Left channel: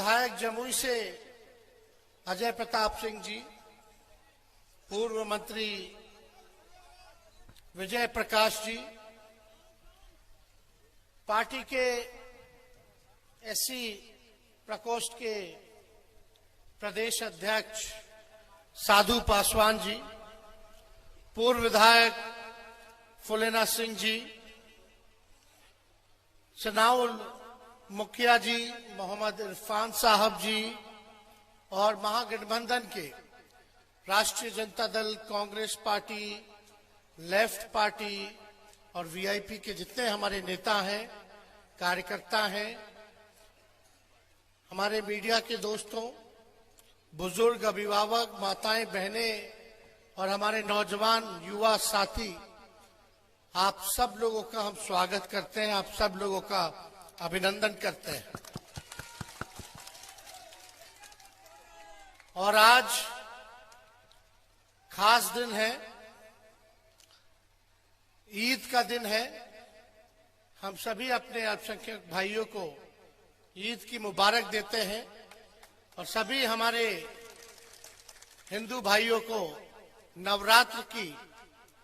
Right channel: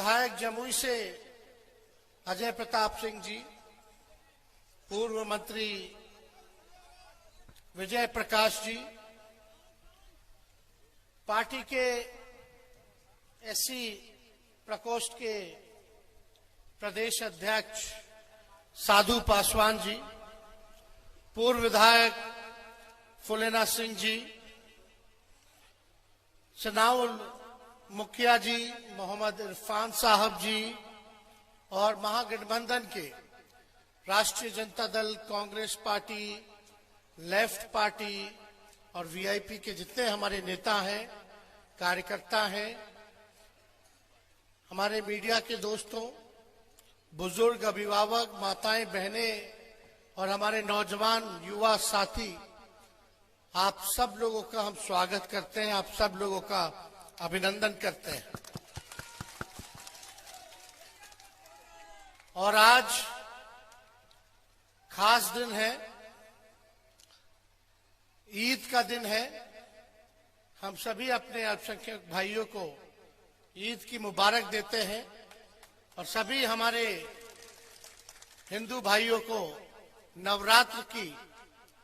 विधायक जमुई से अजय प्रताप सिंह जी, पूर्व मंत्री विजय प्रकाश जी, पार्टी के एससी प्रकोष्ठ के प्रदेश अध्यक्ष साधु पासवान जी, पूर्व विधायक फुलेना सिंह जी, चनाउल मुखिया जी मोहम्मद इरफान साहब जी और महागठबंधन के राष्ट्रीय Janata Dal, Congress party, left party और वीआईपी के जितने हमारे नेता हैं, कार्यकर्ता हैं, हमारे मीडिया के दोस्तों, बुजुर्ग, अभिभावक, माताएं, बहनें और हमारे नौजवान युवा साथी, आप सब लोगों का हम स्वागत करते हैं, आप सब लोगों का अभिनंदन करते हैं। और आज खास दिन है, ईद का दिन है। हम सभी अपने अल्पसंख्यक भाइयों को ईद की मुबारक देते हैं और सभी हमारे हिंदू भाइयों को नवरात्र की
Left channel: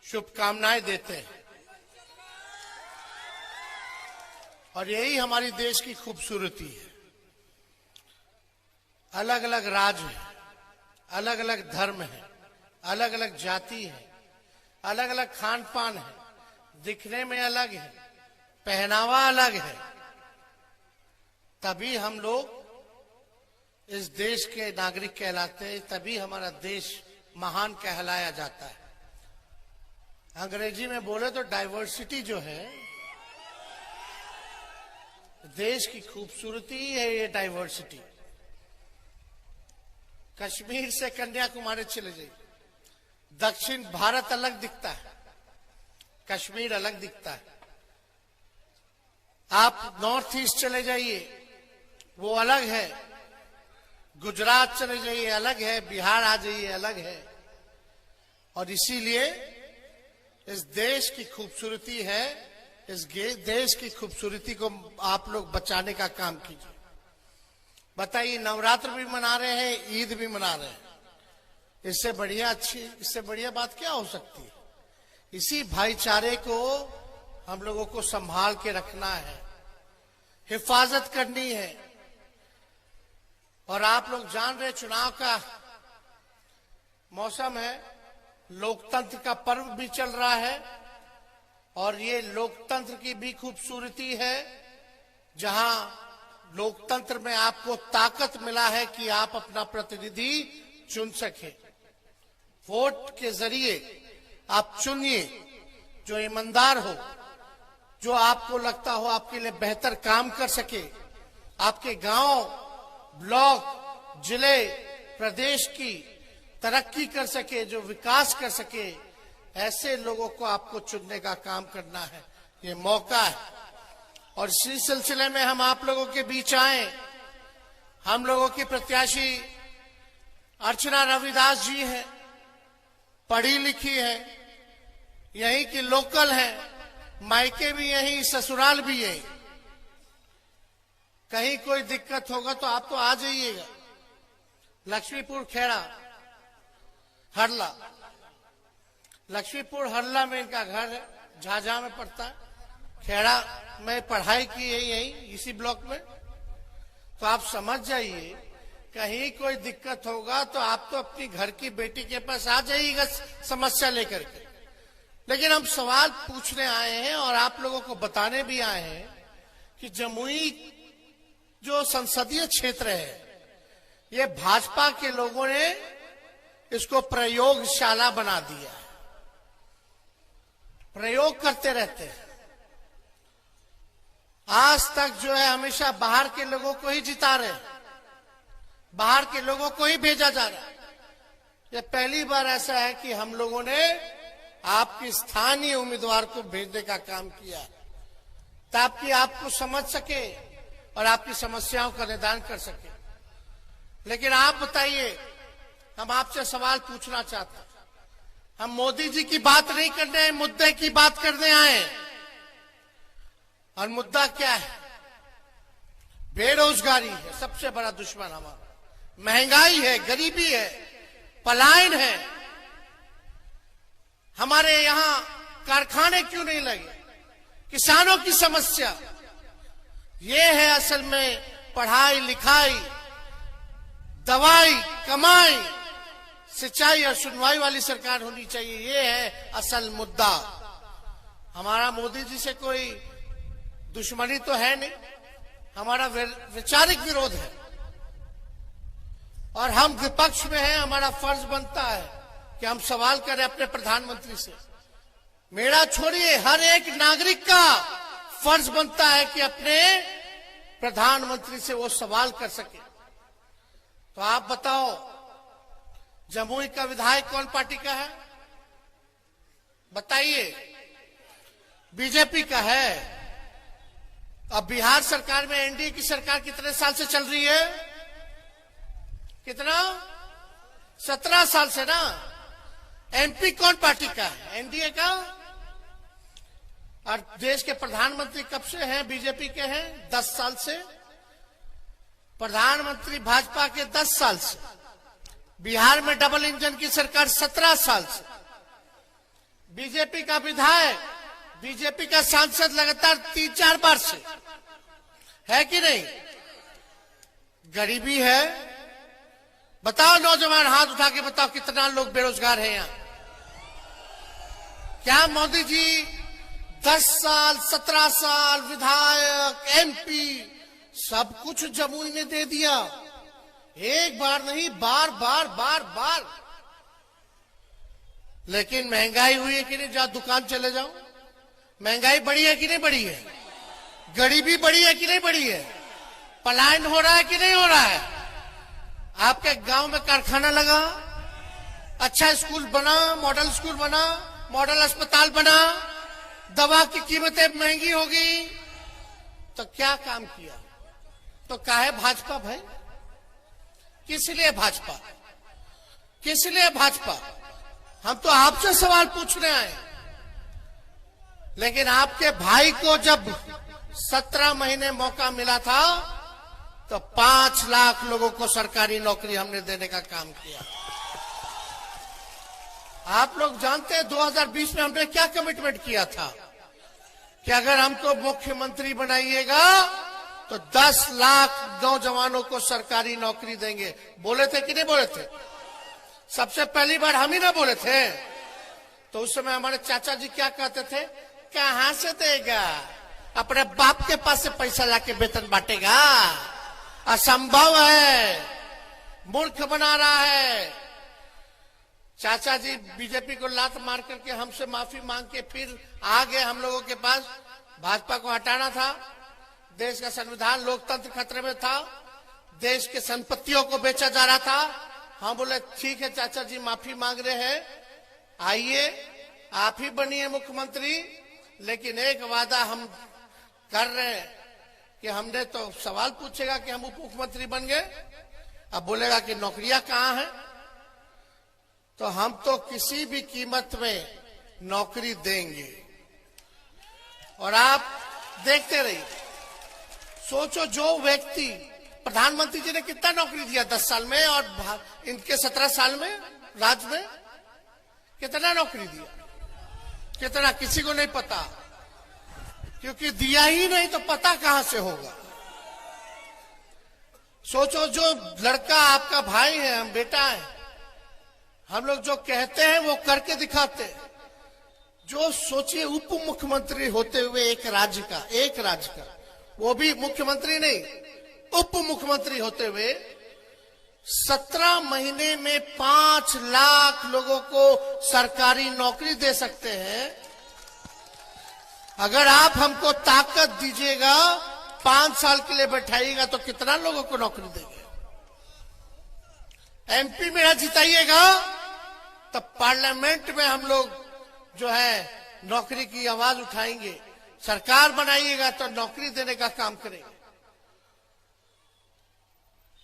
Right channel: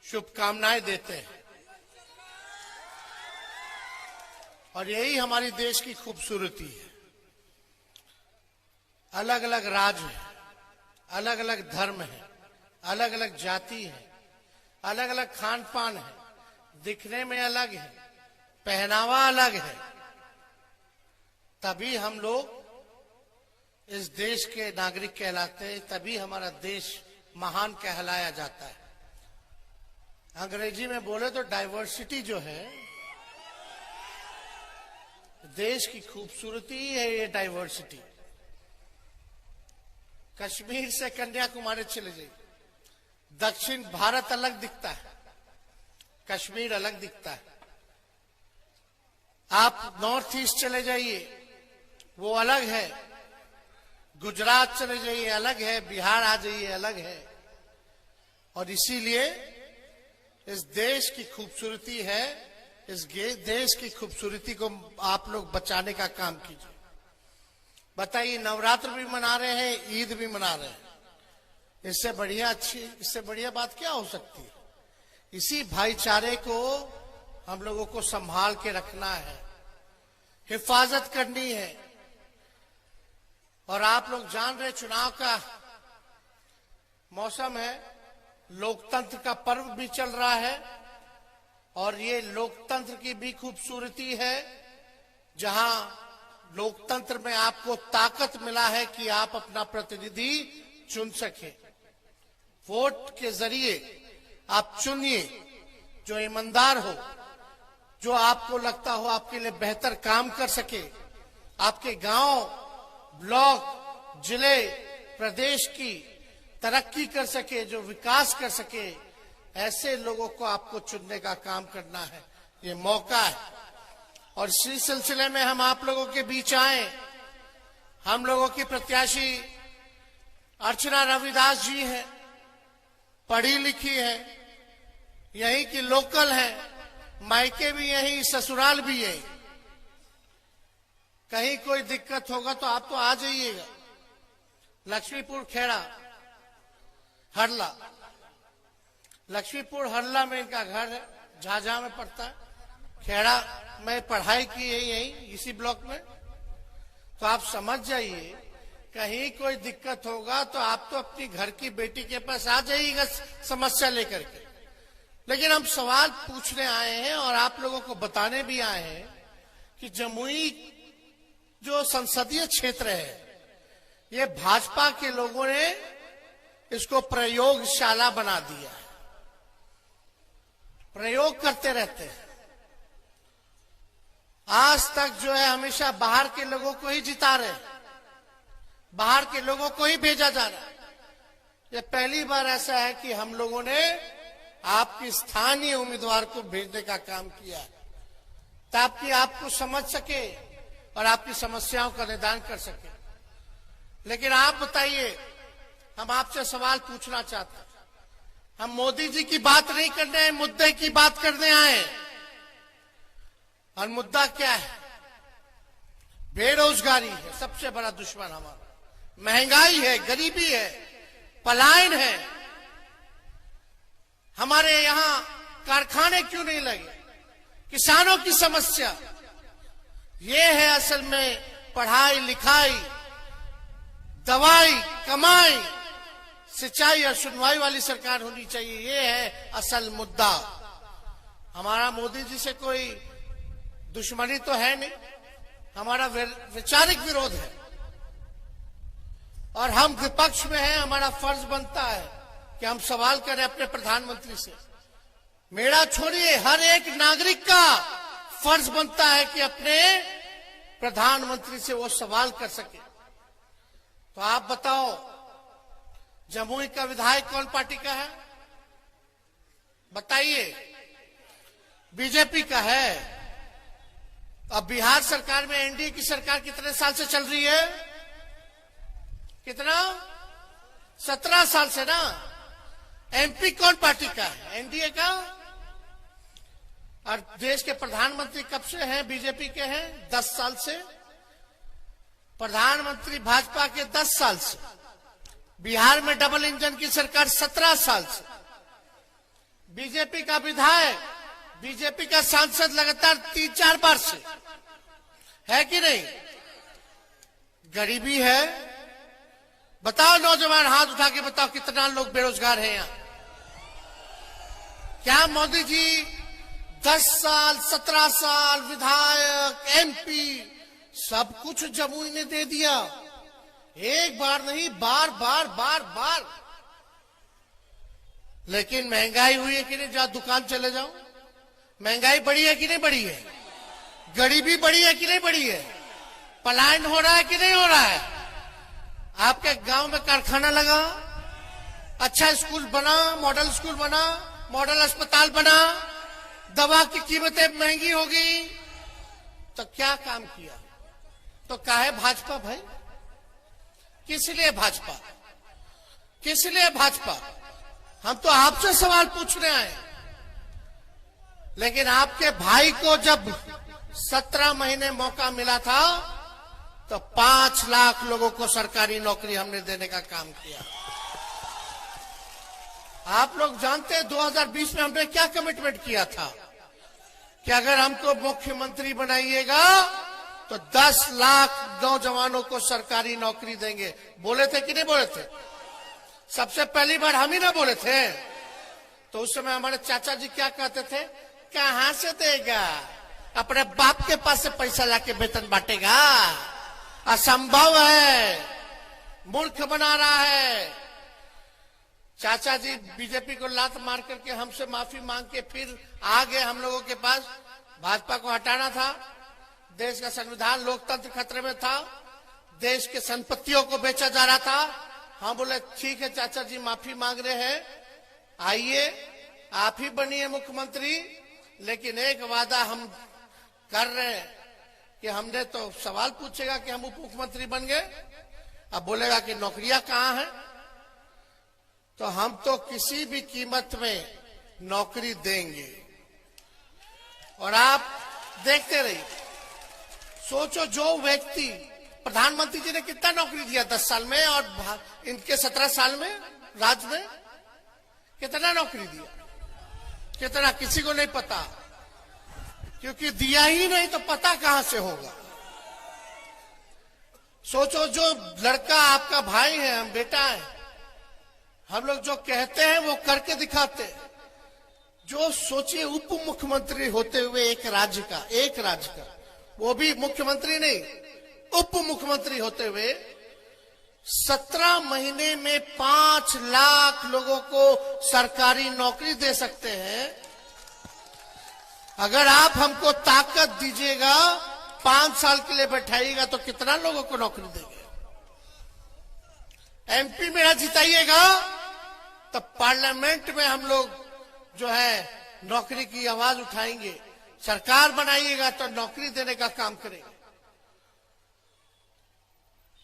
शुभकामनाएं देते हैं। और यही हमारी देश की खूबसूरती है। अलग अलग राज्य है, अलग अलग धर्म है, अलग अलग जाति है, अलग अलग खान पान है, दिखने में अलग है, पहनावा अलग है, तभी हम लोग इस देश के नागरिक कहलाते हैं, तभी हमारा देश महान कहलाया जाता है। अंग्रेजी में बोले तो डाइवर्सिटी जो है, देश की खूबसूरती है ये डाइवर्सिटी। कश्मीर से कन्याकुमारी चले जाइए, दक्षिण भारत अलग दिखता है, कश्मीर अलग दिखता है। आप नॉर्थ ईस्ट चले जाइए, वो अलग है, गुजरात चले जाइए अलग है, बिहार आ जाइए अलग है। और इसीलिए इस देश की खूबसूरती है, इस देश की खूबसूरती को आप लोग बचाने का काम कीजिए। बताइए, नवरात्र भी मना रहे हैं, ईद भी मना रहे हैं, इससे बढ़िया बात क्या हो सकती है? इसी भाईचारे को हम लोगों को संभाल के रखना है, हिफाजत करनी है। और आप लोग जान रहे, चुनाव का मौसम है, लोकतंत्र का पर्व भी चल रहा है और ये लोकतंत्र की भी खूबसूरती है, जहां लोकतंत्र में आपको ताकत मिला है कि आप अपना प्रतिनिधि चुन सके। वोट के जरिए आप चुनिए जो ईमानदार हो, जो आपको लगता हो आपके लिए बेहतर काम कर सके, आपके गांव, ब्लॉक, जिले, प्रदेश की तरक्की कर सके, जो विकास कर सके, ऐसे लोगों को आपको चुनने का काम करना है। ये मौका है। और इसी सिलसिले में हम आप लोगों के बीच आए। हम लोगों की प्रत्याशी अर्चना रविदास जी हैं, पढ़ी लिखी है, यहीं की लोकल है, मायके भी यहीं, ससुराल भी यहीं। कहीं कोई दिक्कत होगा तो आप तो आ जाइएगा। लक्ष्मीपुर खेड़ा हरला, लक्ष्मीपुर हरला में इनका घर है, झाझा में पड़ता है। खेड़ा में पढ़ाई की है यही इसी ब्लॉक में। तो आप समझ जाइए, कहीं कोई दिक्कत होगा तो आप तो अपनी घर की बेटी के पास आ जाइएगा समस्या लेकर के। लेकिन हम सवाल पूछने आए हैं और आप लोगों को बताने भी आए हैं कि जमुई जो संसदीय क्षेत्र है, ये भाजपा के लोगों ने इसको प्रयोगशाला बना दिया है। प्रयोग करते रहते हैं। आज तक जो है हमेशा बाहर के लोगों को ही जिता रहे, बाहर के लोगों को ही भेजा जा रहा है। ये पहली बार ऐसा है कि हम लोगों ने आपके स्थानीय उम्मीदवार को भेजने का काम किया ताकि आपको समझ सके और आपकी समस्याओं का निदान कर सके। लेकिन आप बताइए, हम आपसे सवाल पूछना चाहते हैं। हम मोदी जी की बात नहीं करने आए, मुद्दे की बात करने आए। और मुद्दा क्या है? बेरोजगारी। बेरोजगारी है सबसे बड़ा दुश्मन हमारा, महंगाई है, गरीबी है, पलायन है। हमारे यहाँ कारखाने क्यों नहीं लगे, किसानों की समस्या ये है। असल में पढ़ाई लिखाई, दवाई, कमाई, सिंचाई और सुनवाई वाली सरकार होनी चाहिए, ये है असल मुद्दा। हमारा मोदी जी से कोई दुश्मनी तो है नहीं, हमारा वैचारिक विरोध है और हम विपक्ष में हैं। हमारा फर्ज बनता है कि हम सवाल करें अपने प्रधानमंत्री से। मेरा छोड़िए, हर एक नागरिक का फर्ज बनता है कि अपने प्रधानमंत्री से वो सवाल कर सके। तो आप बताओ, जमुई का विधायक कौन पार्टी का है बताइए? बीजेपी का है। अब बिहार सरकार में एनडीए की सरकार कितने साल से चल रही है? कितना? 17 साल से ना। एमपी कौन पार्टी का है? एनडीए का। और देश के प्रधानमंत्री कब से हैं? बीजेपी के हैं 10 साल से। प्रधानमंत्री भाजपा के 10 साल से। बिहार में डबल इंजन की सरकार 17 साल से। बीजेपी का विधायक, बीजेपी का सांसद लगातार 3-4 बार से, है कि नहीं? गरीबी है। बताओ नौजवान, हाथ उठा के बताओ कितना लोग बेरोजगार हैं यहाँ? क्या मोदी जी 10 साल, 17 साल विधायक, एमपी सब कुछ जमुई ने दे दिया? एक बार नहीं, बार बार बार बार। लेकिन महंगाई हुई है कि नहीं? जहां दुकान चले जाओ, महंगाई बढ़ी है कि नहीं बढ़ी है? गरीबी बढ़ी है कि नहीं बढ़ी है? पलायन हो रहा है कि नहीं हो रहा है? आपके गांव में कारखाना लगा, अच्छा स्कूल बना, मॉडल स्कूल बना, मॉडल अस्पताल बना, दवा की कीमतें महंगी होगी, तो क्या काम किया? तो काहे भाजपा भाई? किस लिए भाजपा? किस लिए भाजपा? हम तो आपसे सवाल पूछने आए। लेकिन आपके भाई को जब 17 महीने मौका मिला था तो 5 लाख लोगों को सरकारी नौकरी हमने देने का काम किया। आप लोग जानते हैं 2020 में हमने क्या कमिटमेंट किया था कि अगर हमको मुख्यमंत्री बनाइएगा तो 10 लाख नौजवानों को सरकारी नौकरी देंगे। बोले थे कि नहीं बोले थे? सबसे पहली बार हम ही ना बोले थे। तो उस समय हमारे चाचा जी क्या कहते थे? कहां से देगा, अपने बाप के पास से पैसा लाके वेतन बांटेगा? असंभव है, मूर्ख बना रहा है। चाचा जी बीजेपी को लात मार करके हमसे माफी मांग के फिर आ गए हम लोगों के पास। भाजपा को हटाना था, देश का संविधान लोकतंत्र खतरे में था, देश की संपत्तियों को बेचा जा रहा था। हम बोले ठीक है चाचा जी, माफी मांग रहे हैं, आइए आप ही बनिए मुख्यमंत्री, लेकिन एक वादा हम कर रहे हैं कि हमने तो सवाल पूछेगा कि हम उप मुख्यमंत्री बन गए, अब बोलेगा कि नौकरियां कहां हैं, तो हम तो किसी भी कीमत में नौकरी देंगे। और आप देखते रहिए, सोचो जो व्यक्ति, प्रधानमंत्री जी ने कितना नौकरी दिया 10 साल में और इनके 17 साल में राज में कितना नौकरी दिया? कितना? किसी को नहीं पता, क्योंकि दिया ही नहीं तो पता कहां से होगा। सोचो जो लड़का आपका भाई है, हम बेटा है, हम लोग जो कहते हैं वो करके दिखाते हैं। जो सोचिए उप मुख्यमंत्री होते हुए एक राज्य का, वो भी मुख्यमंत्री नहीं, उप मुख्यमंत्री होते हुए 17 महीने में 5 लाख लोगों को सरकारी नौकरी दे सकते हैं। अगर आप हमको ताकत दीजिएगा, 5 साल के लिए बैठाइएगा तो कितना लोगों को नौकरी देंगे? एमपी में जिताइएगा तो पार्लियामेंट में हम लोग जो है नौकरी की आवाज उठाएंगे। सरकार बनाइएगा तो नौकरी देने का काम करेंगे।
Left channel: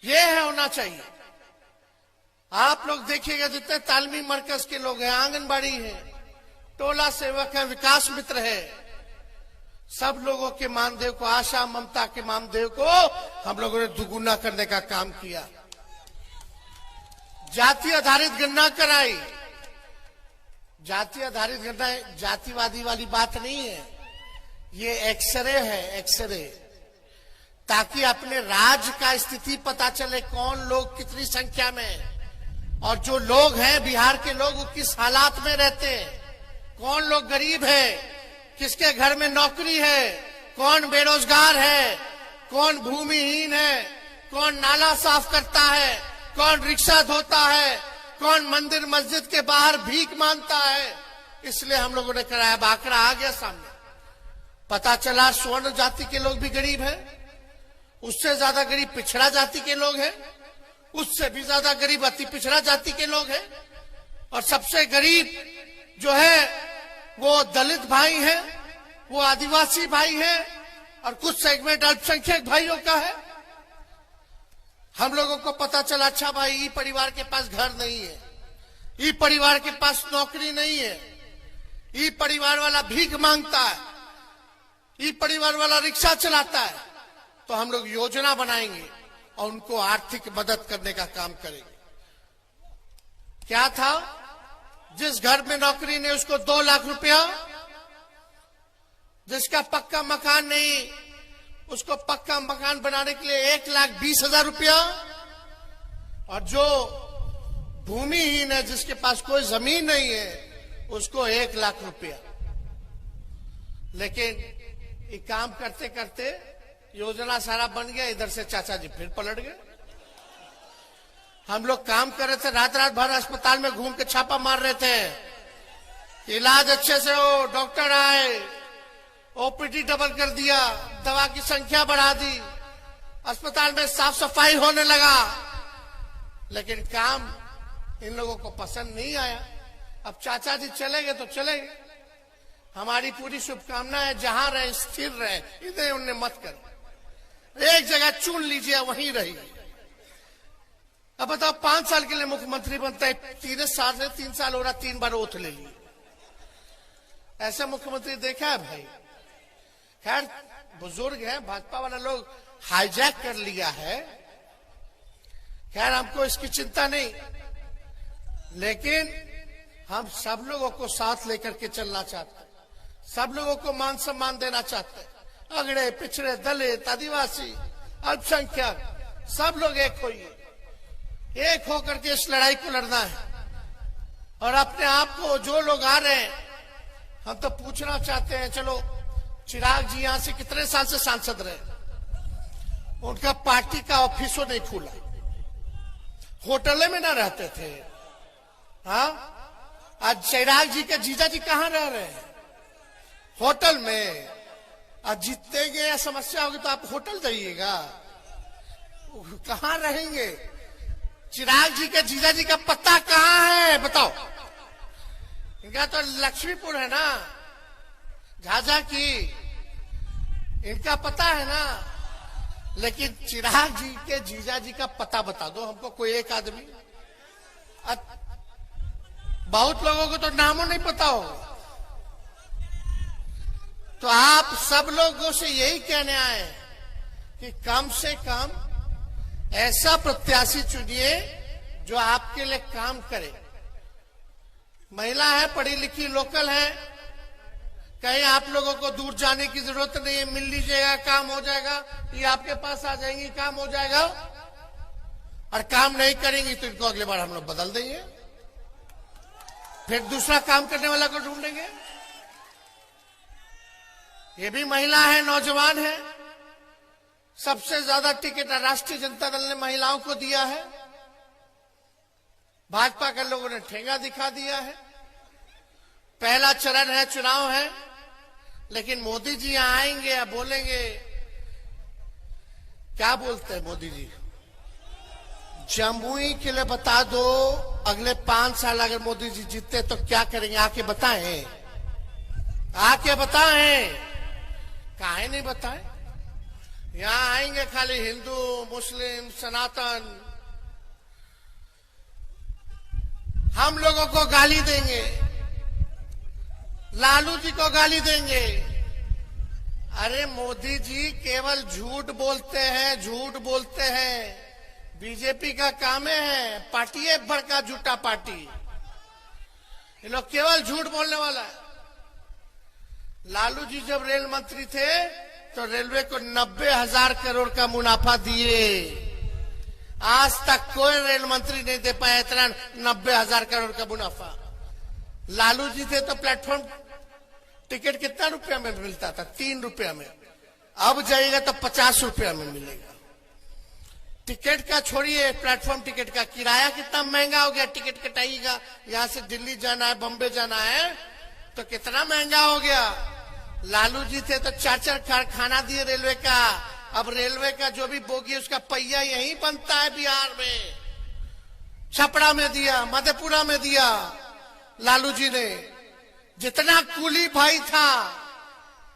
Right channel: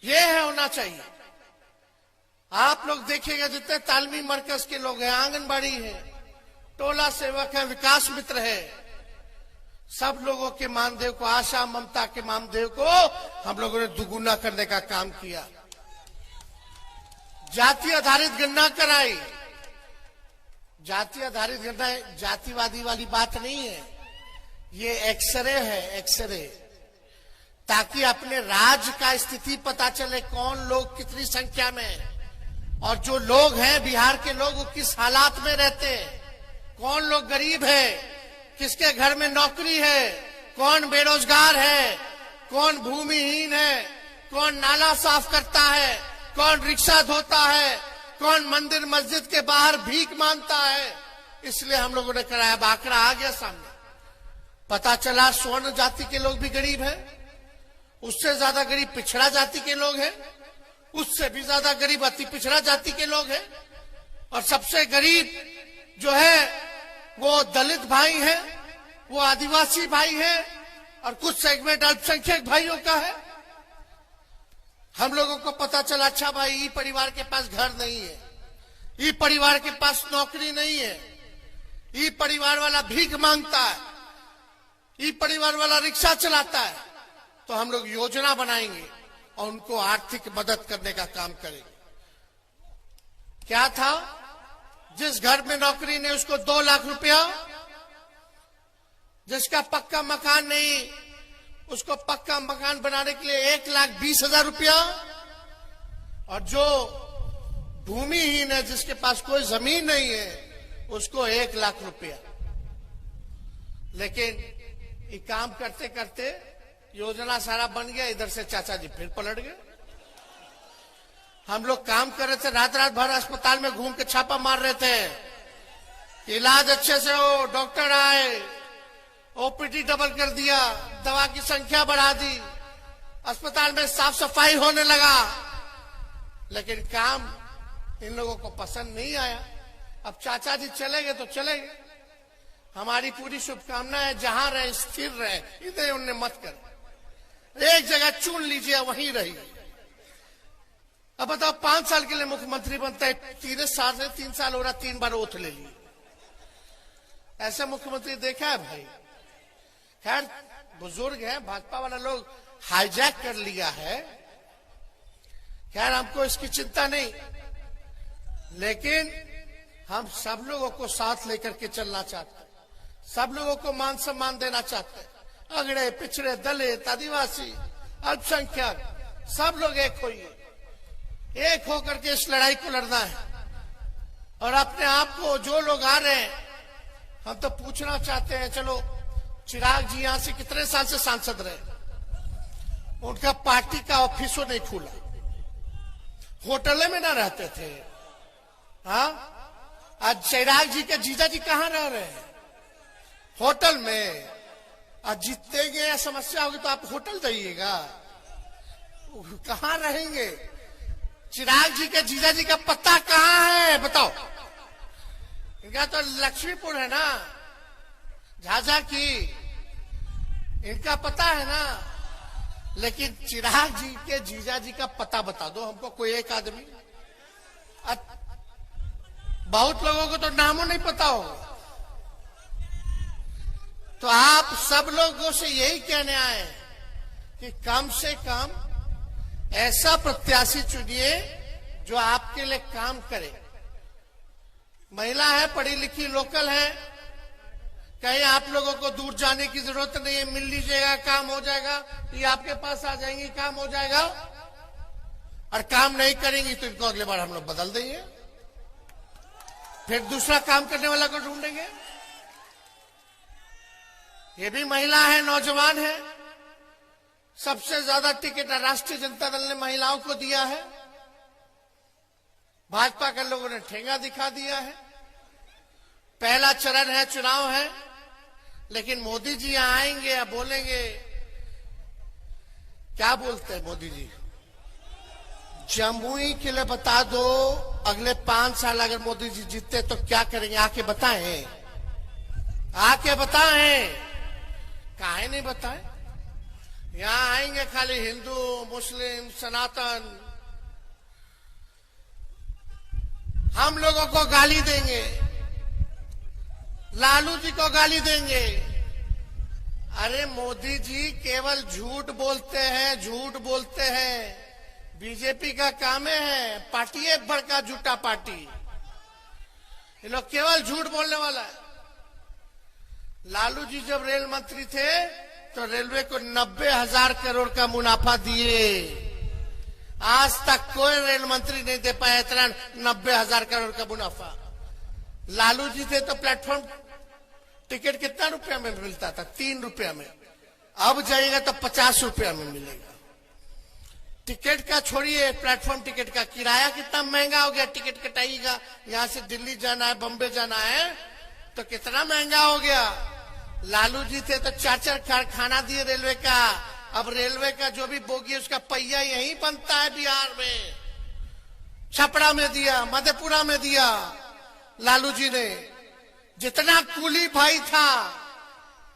ये है होना चाहिए। आप लोग देखिएगा जितने तालमी मरकज के लोग हैं, आंगनबाड़ी है, टोला सेवक है, विकास मित्र है, सब लोगों के मानदेय को, आशा ममता के मानदेय को हम लोगों ने दुगुना करने का काम किया। जाति आधारित गणना कराई। जाति आधारित गणना जातिवादी वाली बात नहीं है, ये एक्सरे है, एक्सरे, ताकि अपने राज्य का स्थिति पता चले, कौन लोग कितनी संख्या में, और जो लोग हैं बिहार के लोग वो किस हालात में रहते हैं, कौन लोग गरीब है, किसके घर में नौकरी है, कौन बेरोजगार है, कौन भूमिहीन है, कौन नाला साफ करता है, कौन रिक्शा धोता है, कौन मंदिर मस्जिद के बाहर भीख मांगता है। इसलिए हम लोगों ने कराया, आंकड़ा आ गया सामने, पता चला स्वर्ण जाति के लोग भी गरीब है, उससे ज्यादा गरीब पिछड़ा जाति के लोग हैं, उससे भी ज्यादा गरीब अति पिछड़ा जाति के लोग हैं, और सबसे गरीब जो है वो दलित भाई है, वो आदिवासी भाई है, और कुछ सेगमेंट अल्पसंख्यक भाइयों का है। हम लोगों को पता चला, अच्छा भाई ई परिवार के पास घर नहीं है, ई परिवार के पास नौकरी नहीं है, ई परिवार वाला भीख मांगता है, ई परिवार वाला रिक्शा चलाता है, तो हम लोग योजना बनाएंगे और उनको आर्थिक मदद करने का काम करेंगे। क्या था, जिस घर में नौकरी नहीं उसको 2 लाख रुपया, जिसका पक्का मकान नहीं उसको पक्का मकान बनाने के लिए 1,20,000 रुपया, और जो भूमिहीन है जिसके पास कोई जमीन नहीं है उसको 1 लाख रुपया। लेकिन ये काम करते करते योजना सारा बन गया, इधर से चाचा जी फिर पलट गए। हम लोग काम कर रहे थे, रात रात भर अस्पताल में घूम के छापा मार रहे थे, इलाज अच्छे से हो, डॉक्टर आए, ओपीडी डबल कर दिया, दवा की संख्या बढ़ा दी, अस्पताल में साफ सफाई होने लगा, लेकिन काम इन लोगों को पसंद नहीं आया। अब चाचा जी चलेंगे तो चलेंगे, हमारी पूरी शुभकामना है जहां रहे स्थिर रहे, इधर उन्हें मत करो, एक जगह चुन लीजिए वहीं रहिए। अब बताओ 5 साल के लिए मुख्यमंत्री बनता है, 3 साल हो रहा, 3 बार ओथ ले ली, ऐसा मुख्यमंत्री देखा है भाई? खैर बुजुर्ग है, भाजपा वाला लोग हाईजैक कर लिया है, खैर हमको इसकी चिंता नहीं, लेकिन हम सब लोगों को साथ लेकर के चलना चाहते हैं, सब लोगों को मान सम्मान देना चाहते हैं, अगड़े पिछड़े दलित आदिवासी अल्पसंख्यक सब लोग एक होइए, एक होकर के इस लड़ाई को लड़ना है। और अपने आप को जो लोग आ रहे हैं, हम तो पूछना चाहते हैं, चलो चिराग जी यहां से कितने साल से सांसद रहे, उनका पार्टी का ऑफिसों नहीं खुला, होटल में ना रहते थे। हाँ, आज चिराग जी के जीजा जी कहाँ रह रहे हैं? होटल में। अब जीतते गए समस्या होगी तो आप होटल जाइएगा, कहाँ रहेंगे? चिराग जी के जीजा जी का पता कहाँ है बताओ? इनका तो लक्ष्मीपुर है ना, झांसा की, इनका पता है ना, लेकिन चिराग जी के जीजा जी का पता बता दो हमको, कोई एक आदमी। बहुत लोगों को तो नामों नहीं पता होगा। तो आप सब लोगों से यही कहने आए कि कम से कम ऐसा प्रत्याशी चुनिए जो आपके लिए काम करे। महिला है, पढ़ी लिखी, लोकल है, कहीं आप लोगों को दूर जाने की जरूरत नहीं है, मिल लीजिएगा, काम हो जाएगा, ये आपके पास आ जाएंगे, काम हो जाएगा। और काम नहीं करेंगे तो इनको अगले बार हम लोग बदल देंगे, फिर दूसरा काम करने वाला को ढूंढेंगे। ये भी महिला है, नौजवान है, सबसे ज्यादा टिकट राष्ट्रीय जनता दल ने महिलाओं को दिया है, भाजपा के लोगों ने ठेंगा दिखा दिया है। पहला चरण है, चुनाव है, लेकिन मोदी जी यहां आएंगे, बोलेंगे, क्या बोलते हैं मोदी जी? जमुई के लिए बता दो, अगले 5 साल अगर मोदी जी जीतते तो क्या करेंगे, आके बताएं, आके बताएं। काहे नहीं बताएं? यहां आएंगे खाली हिंदू, मुस्लिम, सनातन, हम लोगों को गाली देंगे, लालू जी को गाली देंगे। अरे मोदी जी केवल झूठ बोलते हैं, झूठ का मुनाफा दिए। आज तक कोई रेल मंत्री नहीं दे पाया इतना 90,000 करोड़ का मुनाफा। लालू जी थे तो प्लेटफॉर्म टिकट कितना रुपया में मिलता था? 3 रुपया में। अब जाएगा तो 50 रुपया में मिलेगा। टिकट का छोड़िए, प्लेटफॉर्म टिकट का किराया कितना महंगा हो गया। टिकट कटाइएगा, यहाँ से दिल्ली जाना है, बम्बे जाना है तो कितना महंगा हो गया। लालू जी थे तो 4 कारखाना दिए रेलवे का। अब रेलवे का जो भी बोगी उसका पहिया यही बनता है बिहार में। छपरा में दिया, मधेपुरा में दिया लालू जी ने। जितना कुली भाई था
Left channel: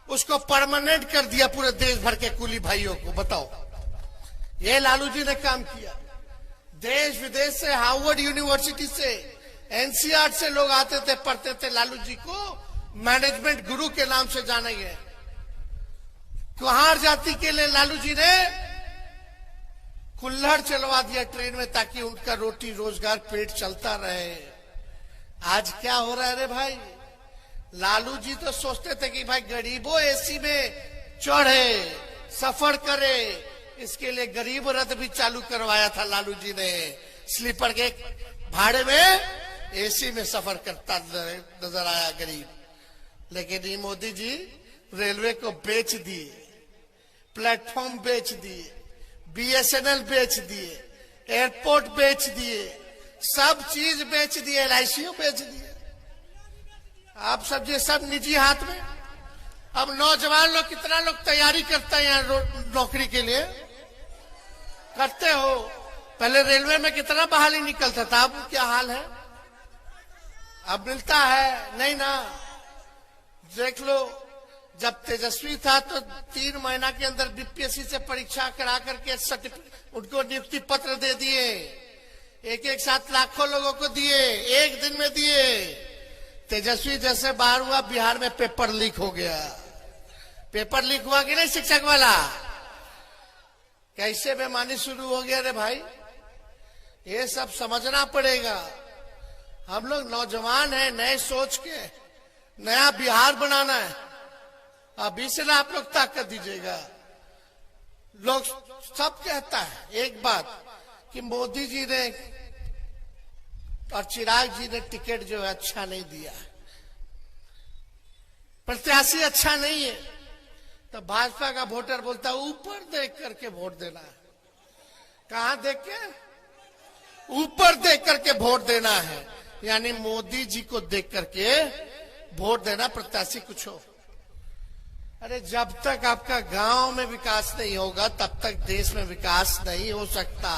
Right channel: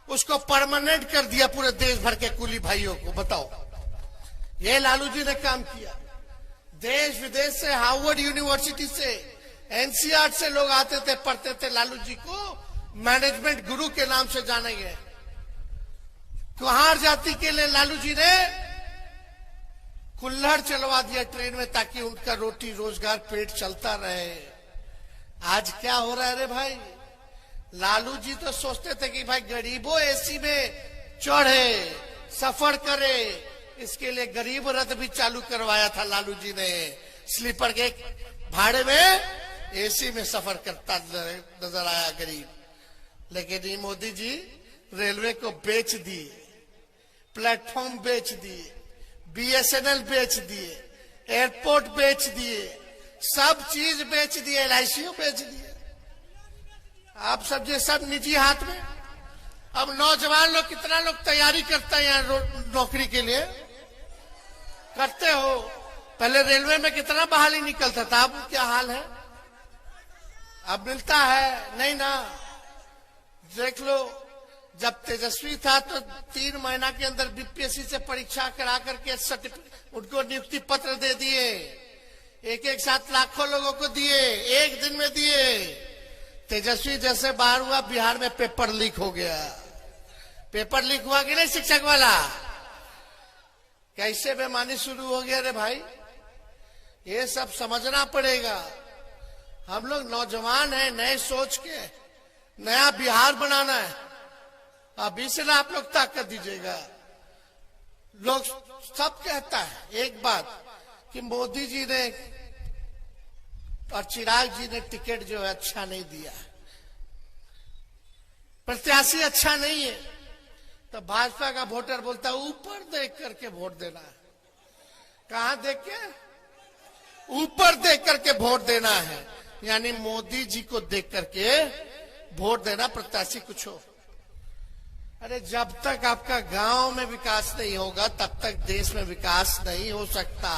उसको परमानेंट कर दिया पूरे देश भर के कुली भाइयों को। बताओ, ये लालू जी ने काम किया। देश विदेश से, हार्वर्ड यूनिवर्सिटी से, एनसीआर से लोग आते थे, पढ़ते थे। लालू जी को मैनेजमेंट गुरु के नाम से जानेंगे। कुहार जाति के लिए लालू जी ने कुल्हड़ चलवा दिया ट्रेन में ताकि उनका रोटी रोजगार पेट चलता रहे। आज क्या हो रहा है रे भाई? लालू जी तो सोचते थे कि भाई गरीबों एसी में चढ़े, सफर करे। इसके लिए गरीब रथ भी चालू करवाया था लालू जी ने। स्लीपर के भाड़े में एसी में सफर करता नजर आया गरीब। लेकिन ये मोदी जी रेलवे को बेच दिए, प्लेटफॉर्म बेच दिए, बीएसएनएल बेच दिए, एयरपोर्ट बेच दिए, सब चीज बेच दिए, एलआईसी बेच दिए। आप सब ये सब निजी हाथ में। अब नौजवान लोग, कितना लोग तैयारी करते हैं यहाँ नौकरी के लिए? करते हो। पहले रेलवे में कितना बहाली निकलता था, अब क्या हाल है? अब मिलता है नहीं ना। देख लो, जब तेजस्वी था तो 3 महीना के अंदर बीपीएससी से परीक्षा करा करके उनको नियुक्ति पत्र दे दिए। एक साथ लाखों लोगों को दिए, एक दिन में दिए। तेजस्वी जैसे बाहर हुआ, बिहार में पेपर लीक हो गया। पेपर लीक हुआ कि नहीं शिक्षक वाला? कैसे बेईमानी शुरू हो गया रे भाई? ये सब समझना पड़ेगा। हम लोग नौजवान हैं, नए सोच के नया बिहार बनाना है। अभी से आप लोग ताकत दीजिएगा। लोग सब कहता है एक बात कि मोदी जी ने और चिराग जी ने टिकट जो है अच्छा नहीं दिया, प्रत्याशी अच्छा नहीं है। तो भाजपा का वोटर बोलता है ऊपर देख करके वोट देना है। कहां देख के? ऊपर देख करके वोट देना है, यानी मोदी जी को देख करके वोट देना, प्रत्याशी कुछ हो। अरे जब तक आपका गांव में विकास नहीं होगा तब तक देश में विकास नहीं हो सकता।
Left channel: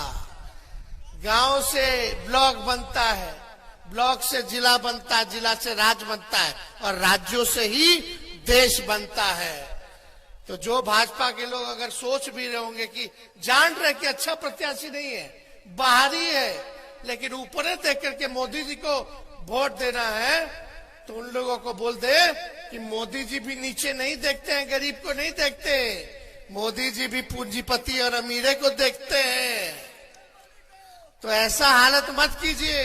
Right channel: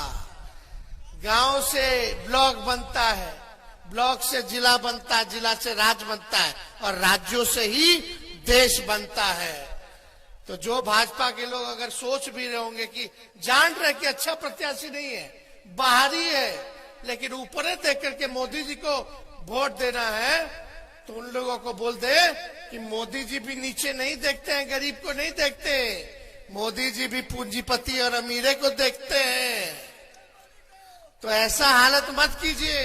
गांव से ब्लॉक बनता है, ब्लॉक से जिला बनता है, जिला से राज्य बनता है और राज्यों से ही देश बनता है। तो जो भाजपा के लोग अगर सोच भी रहे होंगे कि जान रहे कि अच्छा प्रत्याशी नहीं है, बाहरी है, लेकिन ऊपर देख करके मोदी जी को वोट देना है, तो उन लोगों को बोल दे कि मोदी जी भी नीचे नहीं देखते हैं, गरीब को नहीं देखते। मोदी जी भी पूंजीपति और अमीरे को देखते हैं। तो ऐसा हालत मत कीजिए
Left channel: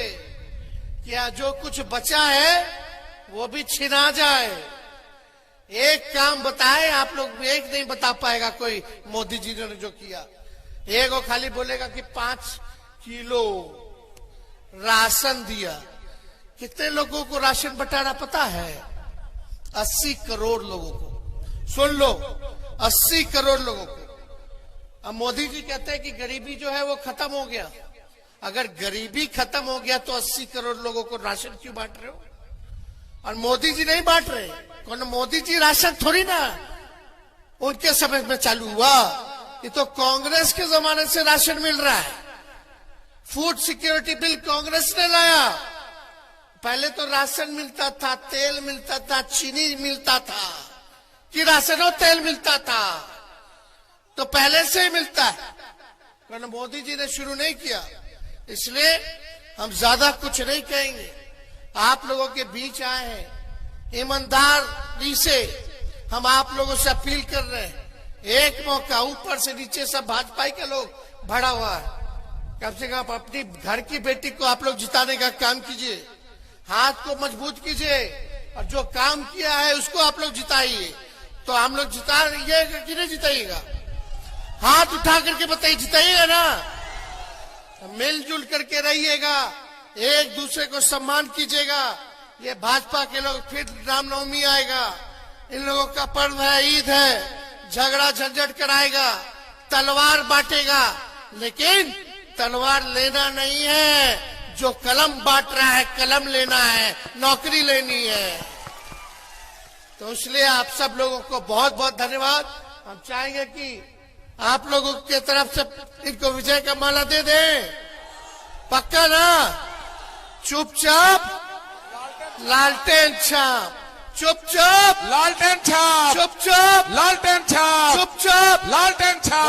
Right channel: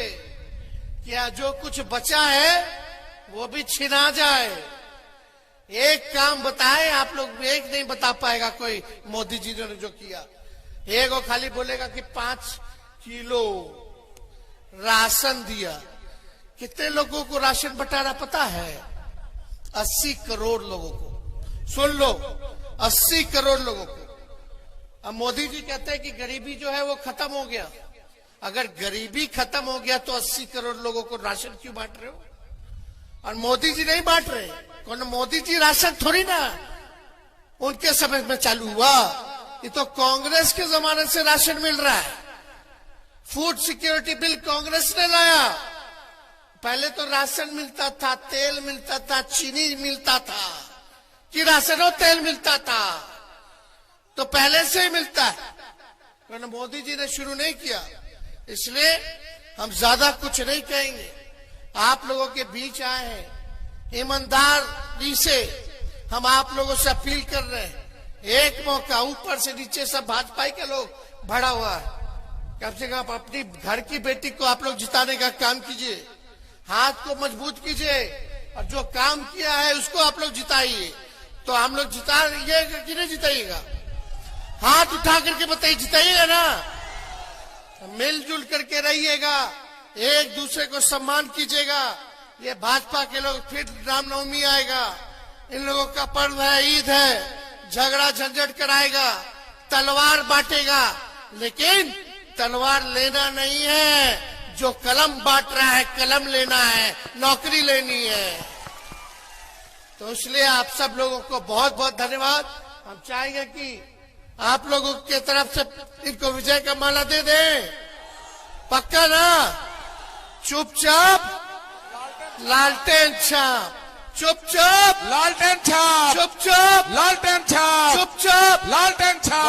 कि जो कुछ बचा है वो भी छिना जाए। एक काम बताए आप लोग, एक नहीं बता पाएगा कोई मोदी जी ने जो किया। एक वो खाली बोलेगा कि 5 किलो राशन दिया। कितने लोगों को राशन बंटाना पता है? 80 करोड़ लोगों को। सुन लो, 80 करोड़ लोगों को। अब मोदी जी कहते हैं कि गरीबी जो है वो खत्म हो गया। अगर गरीबी खत्म हो गया तो 80 करोड़ लोगों को राशन क्यों बांट रहे हो? और मोदी जी नहीं बांट रहे। कौन? मोदी जी राशन थोड़ी ना उनके समय में चालू हुआ। ये तो कांग्रेस के जमाने से राशन मिल रहा है। फूड सिक्योरिटी बिल कांग्रेस ने लाया। पहले तो राशन मिलता था, तेल मिलता था, चीनी मिलता था, कि राशन और तेल मिलता था, तो पहले से ही मिलता है। मोदी जी ने शुरू नहीं किया, इसलिए हम ज्यादा कुछ नहीं कहेंगे। आप लोगों के बीच आए हैं, ईमानदारी से हम आप लोगों से अपील कर रहे हैं। एक मौका, ऊपर से नीचे सब भाजपा के लोग भरा हुआ है। कम से कम अपनी घर की बेटी को आप लोग जिताने का काम कीजिए, हाथ को मजबूत कीजिए और जो काम किया है उसको आप लोग जिताइए। तो हम लोग जिताइएगा कि नहीं जिताइएगा? हाथ उठा करके बताइए ना। मिलजुल करके रहिएगा, एक दूसरे को सम्मान कीजिएगा। ये भाजपा के लोग फिर रामनवमी आएगा, इन लोगों का पर्व है, ईद है, झगड़ा झंझट कराएगा, तलवार बांटेगा, लेकिन तलवार लेना नहीं है। जो कलम बांट रहा है, कलम लेना है, नौकरी लेनी है। तो इसलिए आप सब लोगों को बहुत बहुत धन्यवाद। हम चाहेंगे कि आप लोगों के तरफ से इनको विजय का माला दे दें, पक्का ना? चुपचाप लालटेन छाप, चुपचाप लालटेन छाप, चुपचाप लालटेन छाप, चुपचाप लालटेन छाप।